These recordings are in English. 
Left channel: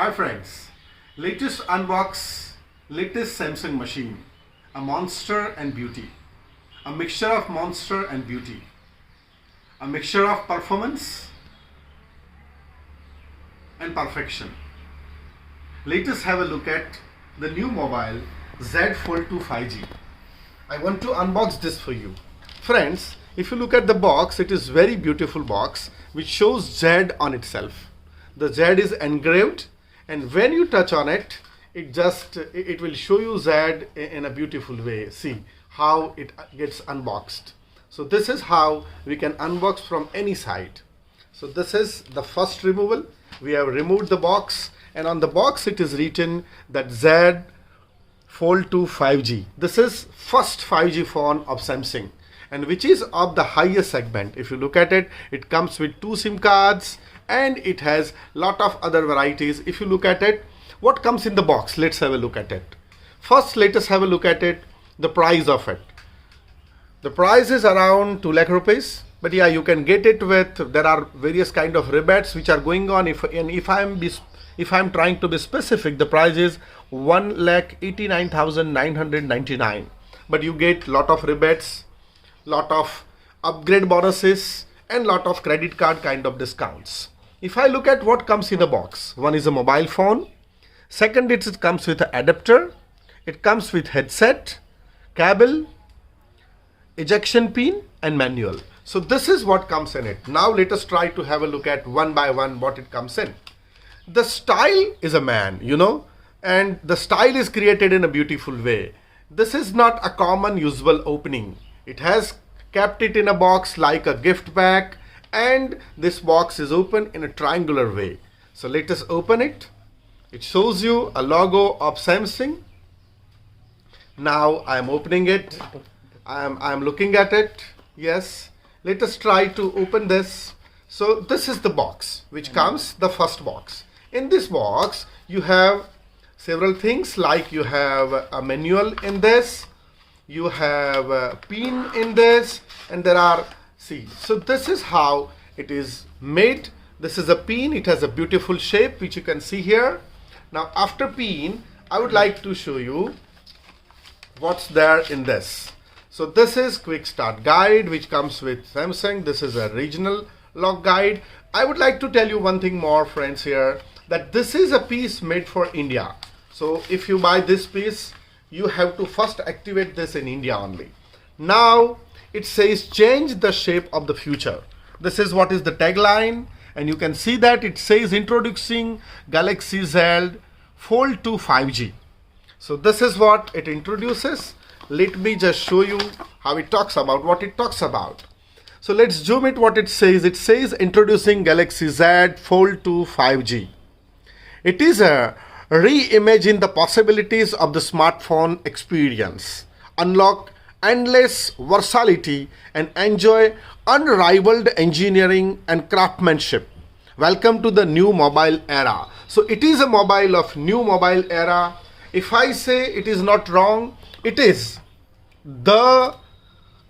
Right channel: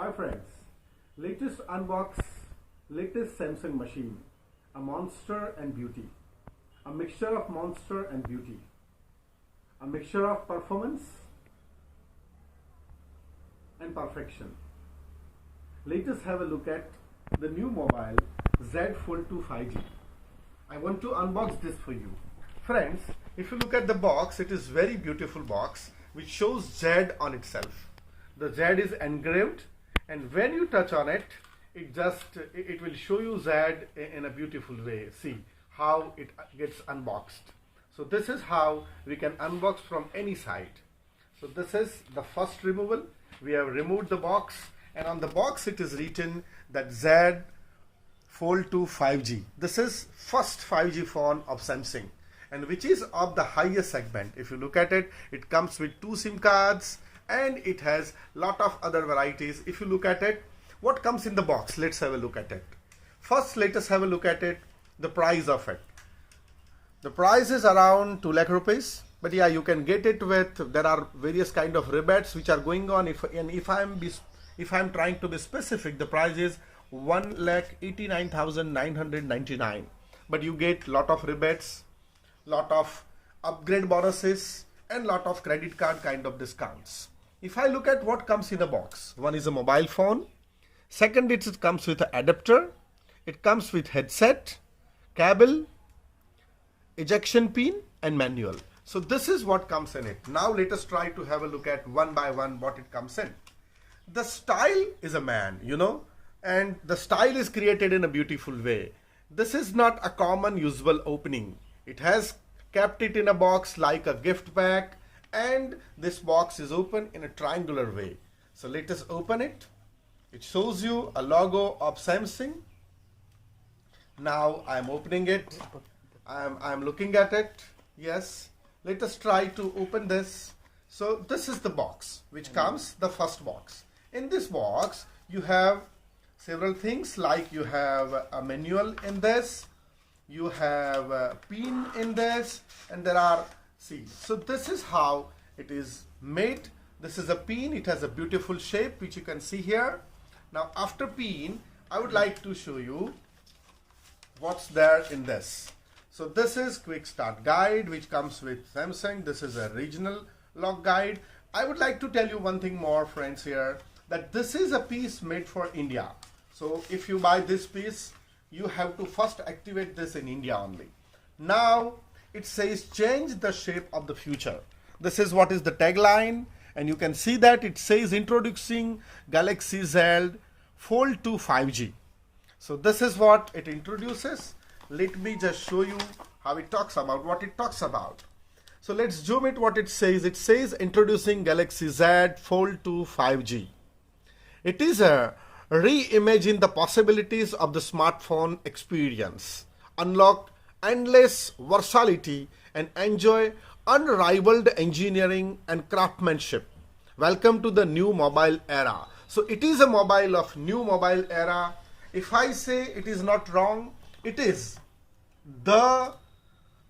Hi friends, latest unbox, latest Samsung machine, a monster and beauty, a mixture of monster and beauty, a mixture of performance and perfection. Let us have a look at the new mobile Z Fold 2 5G. I want to unbox this for you. Friends, if you look at the box, it is very beautiful box which shows Z on itself. The Z is engraved, and when you touch on it, it will show you Z in a beautiful way. See how it gets unboxed. So this is how we can unbox from any side. So this is the first removal. We have removed the box, and on the box it is written that Z Fold 2 5G. This is first 5G phone of Samsung, and which is of the highest segment. If you look at it, it comes with 2 SIM cards and it has lot of other varieties. If you look at it, what comes in the box, let's have a look at it. First, let us have a look at it, the price of it. The price is around 2 lakh rupees, but yeah, you can get it with, there are various kind of rebates which are going on. If I'm trying to be specific, the price is 1,89,999, but you get lot of rebates, lot of upgrade bonuses, and lot of credit card kind of discounts. If I look at what comes in the box, one is a mobile phone, second it comes with an adapter, it comes with headset, cable, ejection pin and manual. So this is what comes in it. Now let us try to have a look at one by one what it comes in. The style is a man, and the style is created in a beautiful way. This is not a common usual opening. It has kept it in a box like a gift pack, and this box is open in a triangular way. So let us open it. It shows you a logo of Samsung. Now I am opening it. I am looking at it. Yes. Let us try to open this. So this is the box which comes, the first box. In this box you have several things, like you have a manual in this, you have a pin in this, and there are, see, so this is how it is made. This is a pin. It has a beautiful shape which you can see here. Now after pin, I would like to show you what's there in this. So this is quick start guide which comes with Samsung. This is a regional lock guide. I would like to tell you one thing more, friends, here, that this is a piece made for India. So if you buy this piece, you have to first activate this in India only. Now it says change the shape of the future. This is what is the tagline, and you can see that it says introducing Galaxy Z Fold 2 5G. So this is what it introduces. Let me just show you how it talks about what it talks about. So let's zoom it what it says. It says introducing Galaxy Z Fold 2 5G. It is a reimagine the possibilities of the smartphone experience, unlock endless versatility, and enjoy unrivaled engineering and craftsmanship. Welcome to the new mobile era. So it is a mobile of new mobile era. If I say it is not wrong, it is the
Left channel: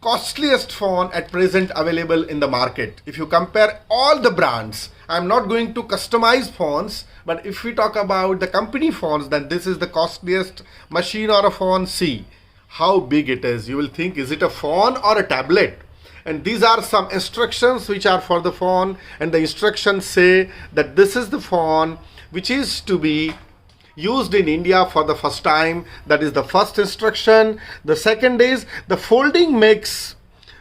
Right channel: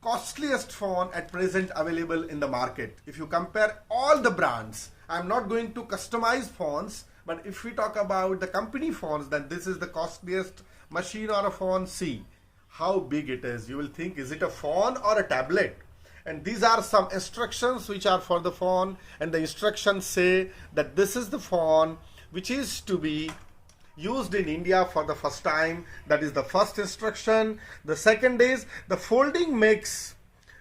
costliest phone at present available in the market. If you compare all the brands, I'm not going to customize phones, but if we talk about the company phones, then this is the costliest machine or a phone. See how big it is. You will think, is it a phone or a tablet? And these are some instructions which are for the phone, and the instructions say that this is the phone which is to be used in India for the first time. That is the first instruction. The second is the folding makes,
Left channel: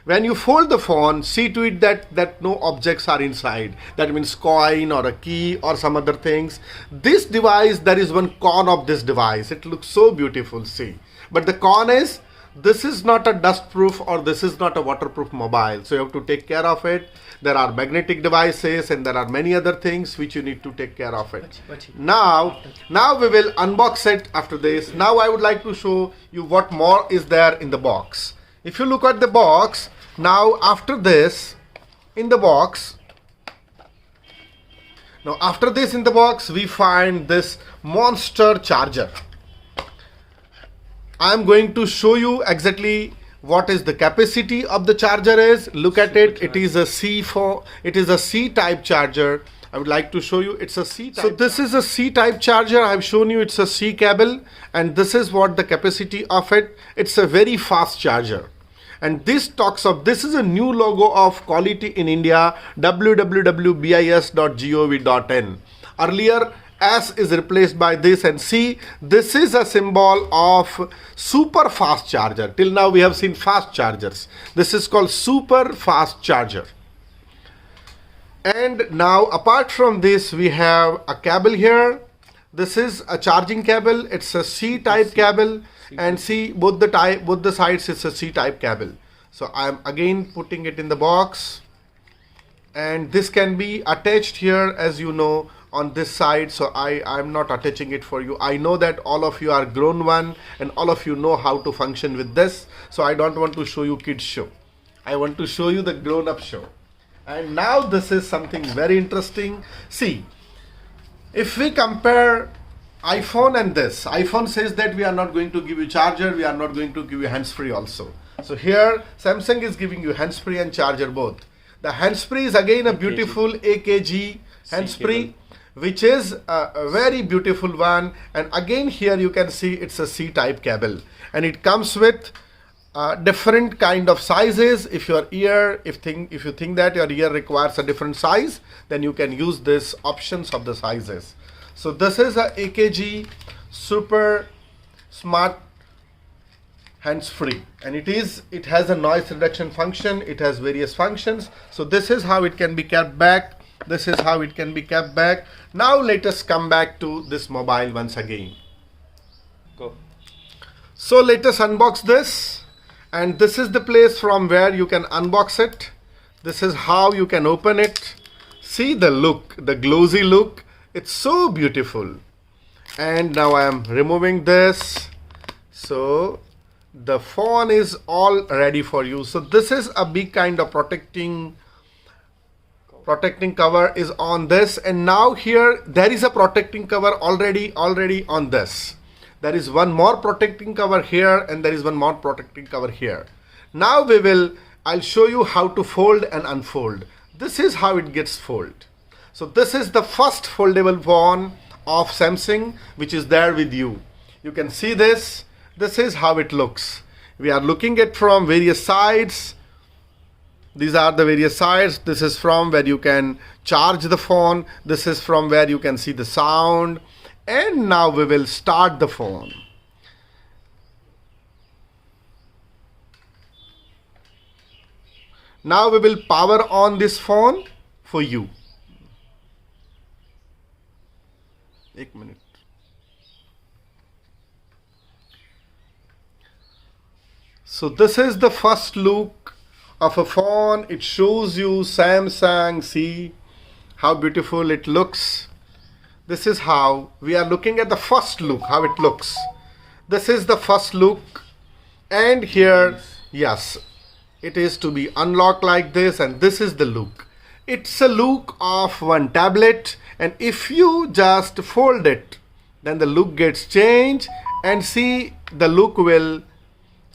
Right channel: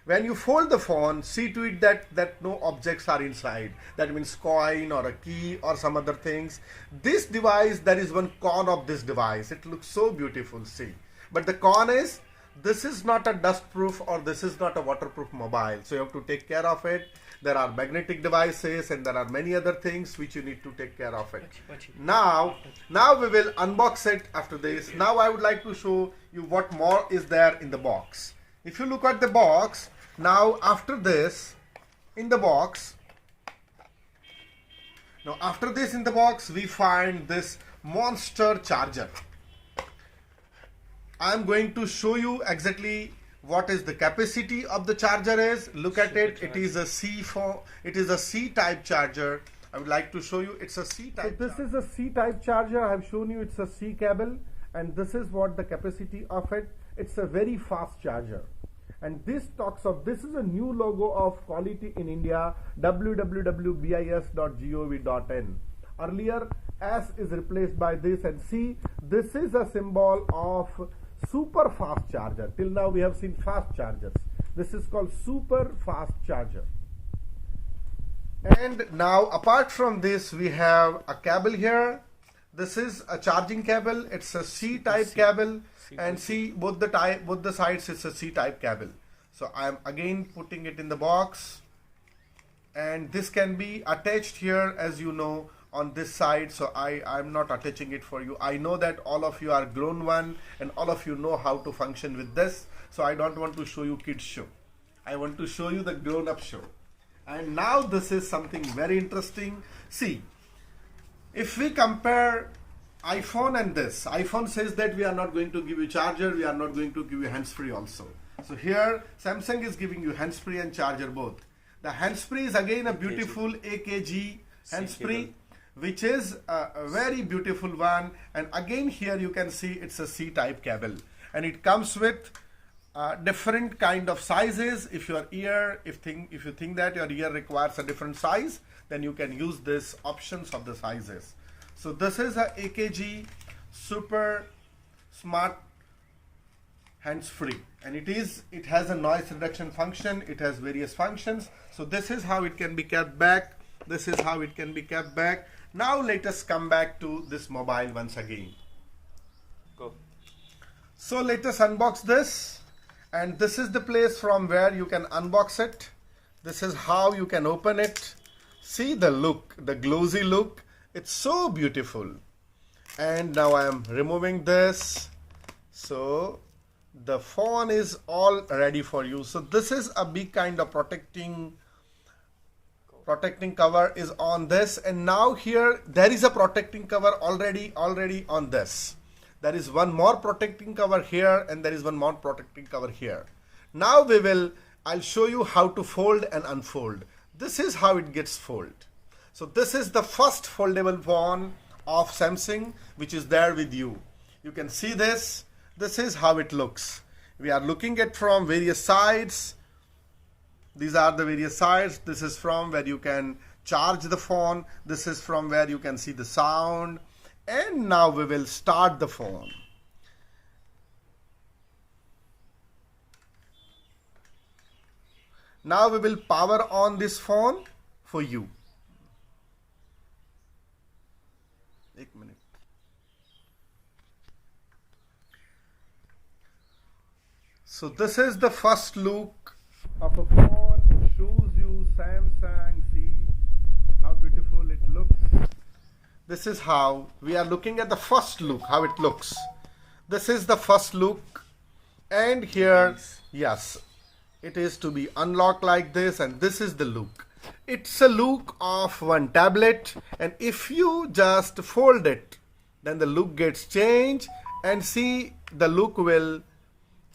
when you fold the phone, see to it that no objects are inside. That means coin or a key or some other things. This device, there is one con of this device. It looks so beautiful, see. But the con is, this is not a dust proof or this is not a waterproof mobile. So you have to take care of it. There are magnetic devices and there are many other things which you need to take care of it. Now we will unbox it after this. Now I would like to show you what more is there in the box. If you look at the box, now after this in the box, we find this monster charger. I am going to show you exactly what is the capacity of the charger is. Look at it. It is a C type charger, I would like to show you. It's a C-type. So this is a C-type charger. I've shown you it's a C cable, and this is what the capacity of it. It's a very fast charger. And this talks of, this is a new logo of Quality in India, www.bis.gov.in. Earlier, S is replaced by this, and see, this is a symbol of super fast charger. Till now we have seen fast chargers. This is called super fast charger. And now apart from this, we have a cable here. This is a charging cable. It's a C-type cable, and see both the sides, it's a C-type cable. So I'm again putting it in the box, and this can be attached here, as you know, on this side. So I'm not attaching it for you. I know that all of you are grown one and all of you know how to function with this, so I don't want to show you kids show. I want to show you the grown-up show. And now this is something very interesting. See, if we compare iPhone and this, iPhone says that we are not going to give you charger, we are not going to give you hands-free also. So here Samsung is giving you hands-free and charger both. The hands-free is again a beautiful AKG hands-free, which is a very beautiful one. And again here you can see it's a C-type cable, and it comes with different kind of sizes. If your ear, if you think that your ear requires a different size, then you can use this options of the sizes. So this is a AKG super smart hands-free, and it has a noise reduction function. It has various functions. So this is how it can be kept back. This is how it can be kept back. Now let us come back to this mobile once again. Go. So let us unbox this. And this is the place from where you can unbox it. This is how you can open it. See the look, the glossy look. It's so beautiful. And now I am removing this. So the phone is all ready for you. So this is a big kind of protecting cover is on this. And now here there is a protecting cover already on this. There is one more protecting cover here, and there is one more protecting cover here. Now I'll show you how to fold and unfold. This is how it gets folded. So this is the first foldable phone of Samsung which is there with you. You can see this. This is how it looks. We are looking at from various sides. These are the various sides. This is from where you can charge the phone. This is from where you can see the sound. And now we will start the phone. Now we will power on this phone for you. 1 minute. So this is the first look of a phone. It shows you Samsung. See how beautiful it looks. This is how we are looking at the first look, how it looks. This is the first look. And here, yes, it is to be unlocked like this, and this is the look. It's a look of one tablet, and if you just fold it, then the look gets changed, and see the look will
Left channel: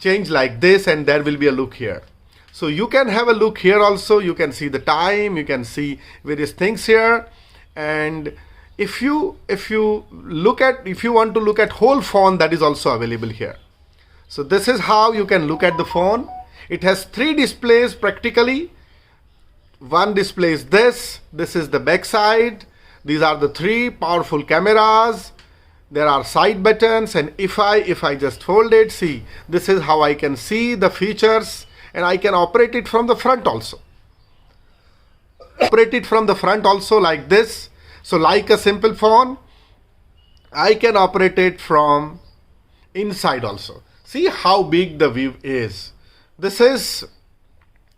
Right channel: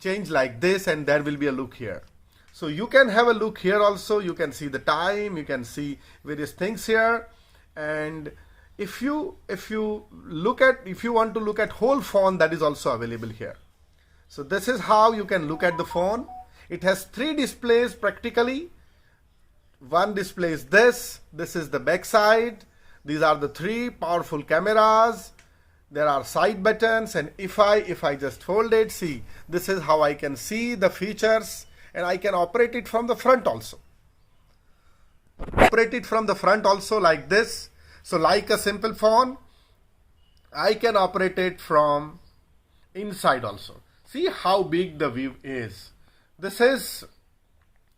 change like this, and there will be a look here. So you can have a look here also. You can see the time, you can see various things here. And if you want to look at whole phone, that is also available here. So this is how you can look at the phone. It has 3 displays practically. One display is this is the back side. These are the 3 powerful cameras. There are side buttons, and if I just fold it, see, this is how I can see the features, and I can operate it from the front also. Operate it from the front also like this. So like a simple phone, I can operate it from inside also. See how big the view is. This is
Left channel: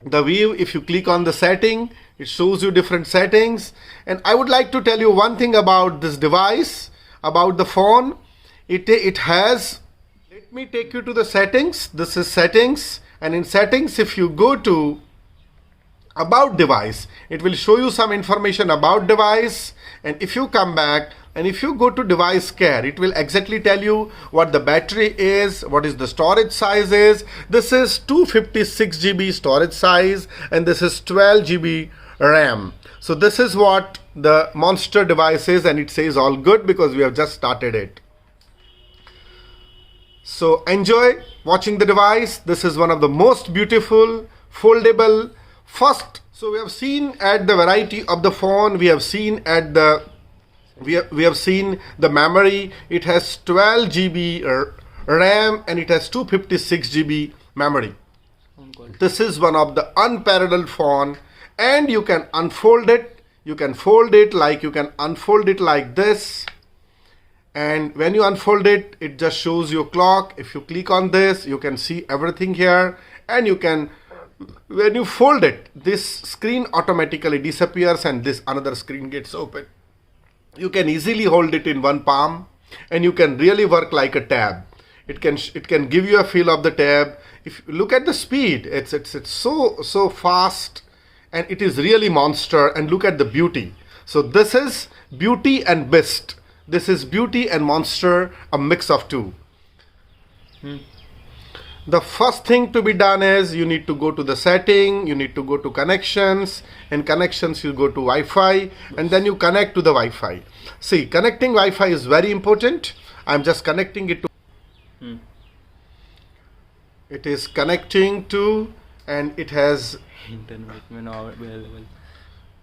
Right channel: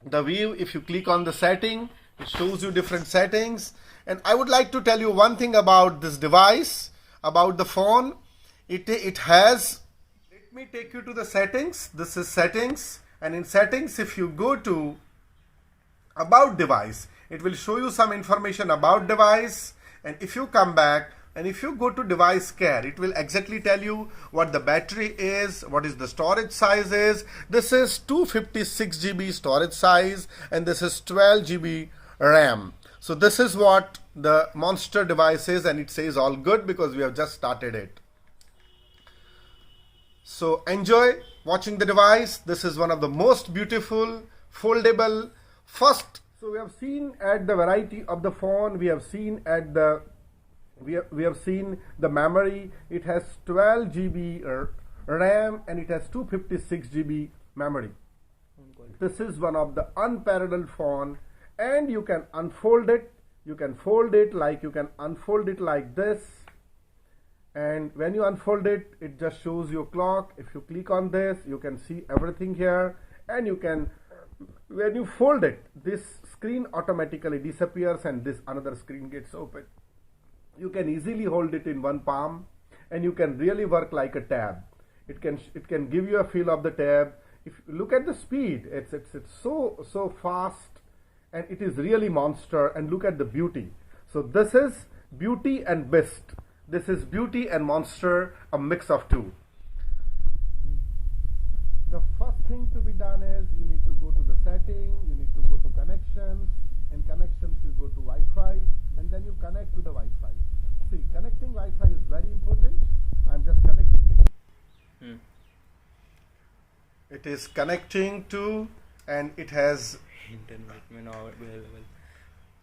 the view. If you click on the setting, it shows you different settings. And I would like to tell you one thing about this device, about the phone. It has, let me take you to the settings. This is settings, and in settings, if you go to about device, it will show you some information about device. And if you come back and if you go to device care, it will exactly tell you what the battery is, what is the storage size is. This is 256 GB storage size, and this is 12 GB RAM. So this is what the monster device is, and it says all good because we have just started it. So enjoy watching the device. This is one of the most beautiful foldable first. So we have seen at the variety of the phone, we have seen at the we have seen the memory. It has 12 GB RAM and it has 256 GB memory. This is one of the unparalleled phone, and you can unfold it. You can fold it like you can unfold it like this. And when you unfold it, it just shows your clock. If you click on this, you can see everything here. And you can, when you fold it, this screen automatically disappears and this another screen gets open. You can easily hold it in one palm, and you can really work like a tab. It can give you a feel of the tab. If you look at the speed, it's so fast, and it is really monster. And look at the beauty. So this is beauty and beast. This is beauty and monster, a mix of two. The first thing to be done is you need to go to the setting, you need to go to connections, and connections you go to Wi-Fi, and then you connect to the Wi-Fi. See, connecting Wi-Fi is very important. I'm just connecting it to it is connecting to, and it has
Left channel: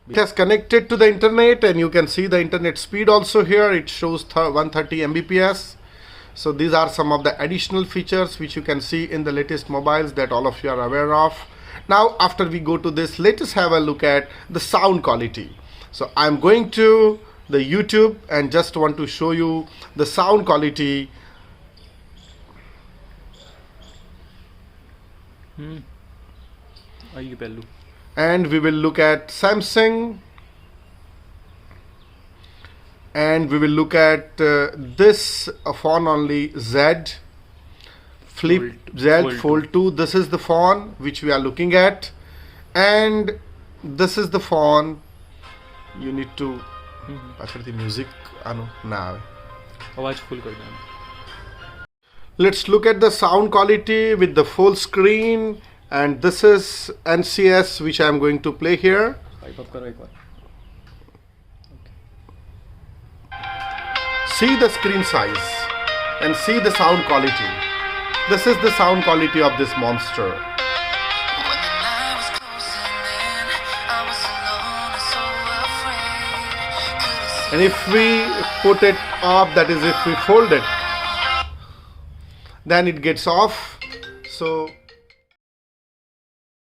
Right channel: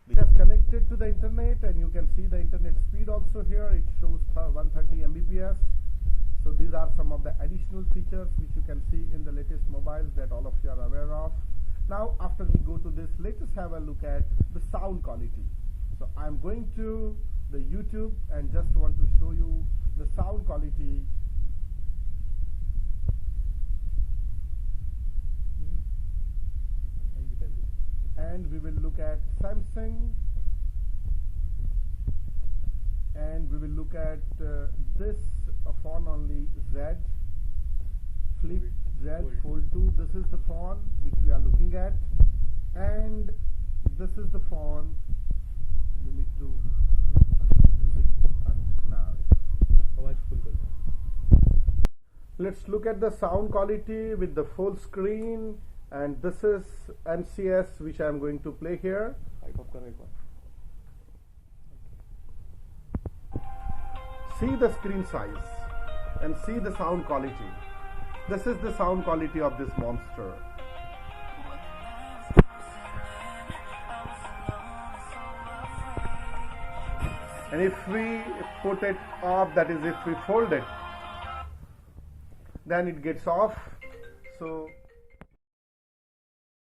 it has connected to the internet, and you can see the internet speed also here. It shows 130 Mbps. So these are some of the additional features which you can see in the latest mobiles that all of you are aware of. Now after we go to this, let us have a look at the sound quality. So I'm going to the YouTube and just want to show you the sound quality. And we will look at Samsung, and we will look at this phone only, Z Flip Z Fold 2. This is the phone which we are looking at, and this is the phone you need to the music now. Let's look at the sound quality with the full screen, and this is NCS which I am going to play here. See the screen size and see the sound quality. This is the sound quality of this monster. And if we put it up, that is if we fold it, then it gets off. So